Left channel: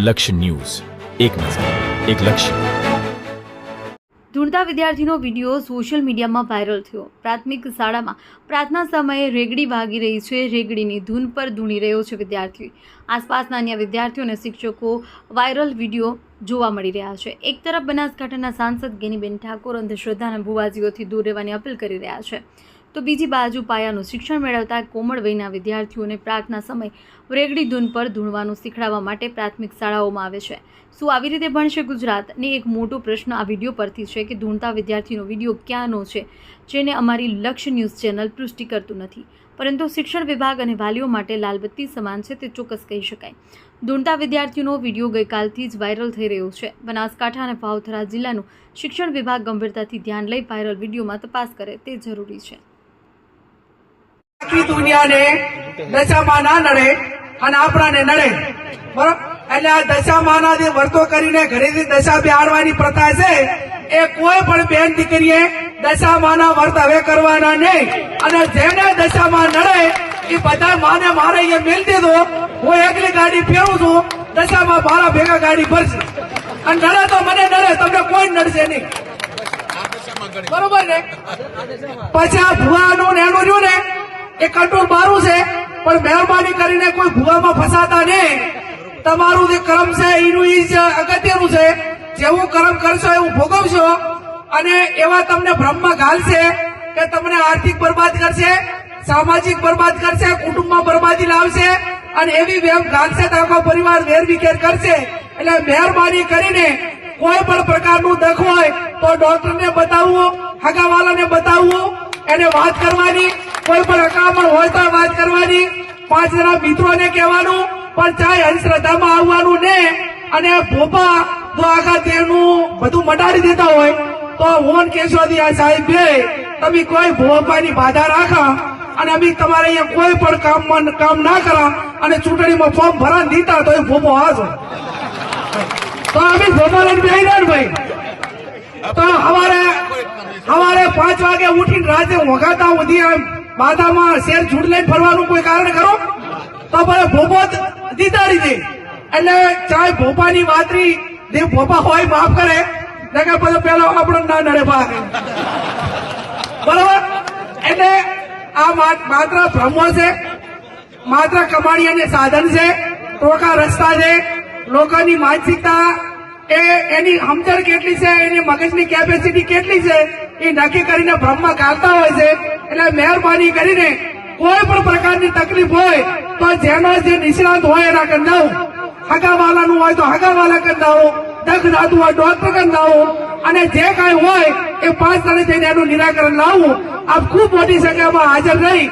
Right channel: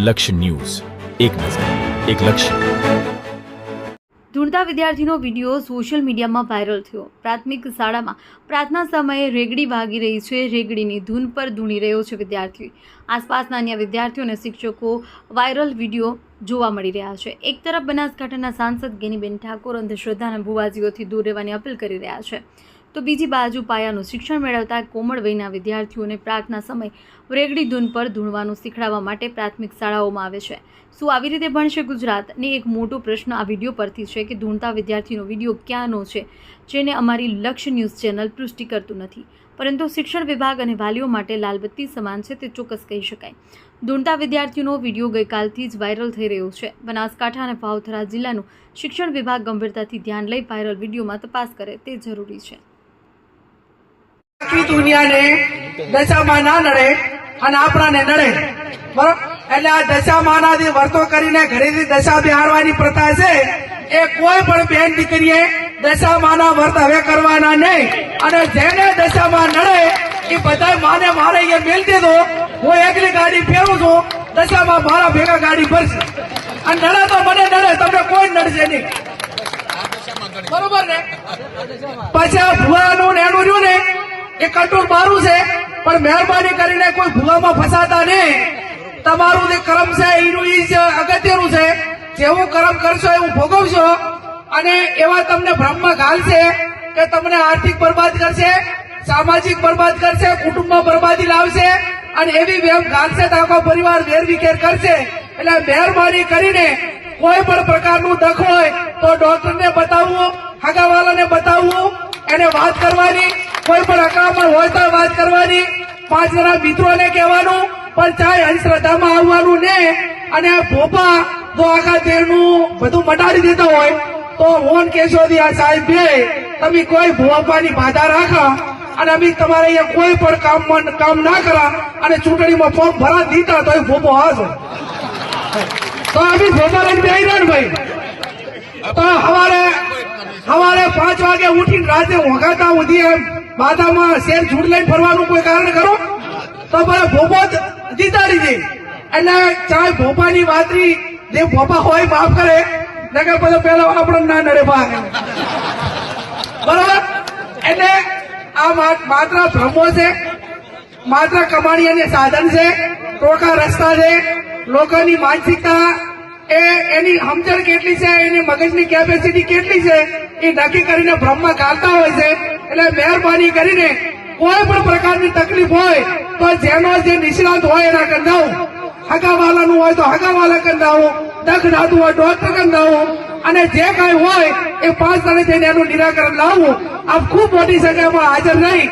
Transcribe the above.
લક્ષ્ય ન્યૂઝ, એક નજર, એક લક્ષ્ય. ધૂળતા વિદ્યાર્થીનો વિડીયો સોશિયલ મીડિયામાં વાયરલ થયો. પ્રાથમિક શાળામાં પ્રાર્થના સમયે રેગડી વાગી રહી છે. રેગડીની ધૂન પર ધૂણી રહ્યો છે વિદ્યાર્થી. આસપાસના અન્ય વિદ્યાર્થીઓ અને શિક્ષકો વાયરલ વિડીયો જોવા મળી રહ્યા છે. એક તરફ બનાસકાંઠાના સાંસદ ગેનીબેન ઠાકોર અંધશ્રદ્ધાના ભુવાજીઓથી દૂર રહેવાની અપીલ કરી રહ્યા છે, તો બીજી બાજુ પાયાનું શિક્ષણ મેળવતા કોમળ વયના વિદ્યાર્થીઓને પ્રાર્થના સમય રેગડી ધૂન પર ધૂણવાનું શીખડાવવા માટે પ્રાથમિક શાળાઓમાં આવે છે. શું આવી રીતે ભણશે ગુજરાત? ને એક મોટો પ્રશ્ન આ વિડીયો પરથી છે કે ધૂણતા વિદ્યાર્થીનો વિડીયો ક્યાંનો છે, જેને અમારી લક્ષ્ય ન્યૂઝ ચેનલ પુષ્ટિ કરતું નથી, પરંતુ શિક્ષણ વિભાગ અને વાલીઓ માટે લાલબત્તી સમાન છે તે ચોક્કસ કહી શકાય. ધૂણતા વિદ્યાર્થીનો વિડીયો ગઈકાલથી જ વાયરલ થઈ રહ્યો છે. બનાસકાંઠા અને ભાવથરા જિલ્લાનું શિક્ષણ વિભાગ ગંભીરતાથી ધ્યાન લઈ વાયરલ વિડીયોમાં તપાસ કરે તે જરૂરી છે. આખી દુનિયાને દશામાં ના નડે અને આપણાને નડે, બરોબર? એટલે આ દશામાનાથી વર્તો કરીને ઘરેથી દશા બેહાડવાની પ્રથા છે એ કોઈ પણ બેન દીકરીએ દશામાના વર્ત હવે કરવાના નહીં. અને જેને દશામાં નડે એ બધા માને મારે અહીંયા મેલ દીધો, હું એકલી ગાડી ફેરું છું, દશામાં મારા ભેગા ગાડી ભરશે અને નડે તો મને નડે, તમને કોઈ નડશે નહીં, બરોબર ને? પછી આ ભુવાનું ને એનું રહ્યું ને એ કટુર મારું છે, પણ મહેરબાની કરીને કોઈ ભૂવામાં ફસાતા નહીં. તમારું જે કર્મ છે એનું જ અગત્યનું છે. જેવું કર્મ કરશો એવું ભોગવશો. અને એવા તમને ભ્રમમાં ઘાલશે કે તમને આર્થિક બરબાદ કરશે, સામાજિક બરબાદ કરશે, કુટુંબમાં બરબાદી લાવશે અને એવી વેમ ઘાલશે તો આખો પરિવાર વેરવિખેર કરશે. એટલે મહેરબાની કરીને કોઈ પણ પ્રકારનું દખ હોય તો ડોક્ટરને બતાવવું, હગાવાલાને બતાવવું, એને વાત કરવાની, કોઈ પણ અકામણ હોય તો વાત કરવાની, 5 જણા મિત્રોને કહેવાનું, પણ ચાહે અંધશ્રદ્ધામાં આવવાનું ને. અને ભોપા જો આખા દેહનું બધું મટાડી દેતા હોય તો મોહન કેશોદી આ સાહેબ બે તમે કોઈ ભોપાની બાધા રાખા અને અમે તમારે અહીંયા કોઈ પણ કામ ના કરા અને ચૂંટણીમાં ફોર્મ ભરા દીધા તો એ ભોપો હાજો તો અમે ભોપા લઈને બેહી રહ્યા ને ભાઈ. તો સવારે 5 વાગે ઉઠીને રાતે ઊંઘાતા સુધી માથામાં શેર ઝૂડ લઈને ફરવાનું કોઈ કારણ કરો તો ભાઈ ભોપો જીતાડી દે. એટલે ચાહે ભોપાની વાતરી જે ભોપા હોય માફ કરે, નકર પછી પેલો આપણો ના નડે ભાગ, બરોબર? એટલે આ માત્ર ભ્રમો છે, માત્ર કમાણી અને સાધન છે, ટોકા રસ્તા છે. લોકોની માનસિકતા એની સમજણ કેટલી છે, એની મગજની કેપેસિટી કેટલી છે એ નક્કી કરીને ભ્રમમાં ગાળતા હોય છે. એટલે મહેરબાની કરીને કોઈ પણ પ્રકારની તકલીફ હોય તો જેનો જે નિષ્ણાત હોય એના કંદાવો, હગાવાલાનું હોય તો હગાવાલા કંદાવો, દખ દાતું હોય ડોક્ટર કંદાવો, અને જે કાંઈ હોય એ 5 જણે થઈને એનું નિરાકરણ લાવવું. આપ ખૂબ મોટી સંખ્યામાં હાજર રહી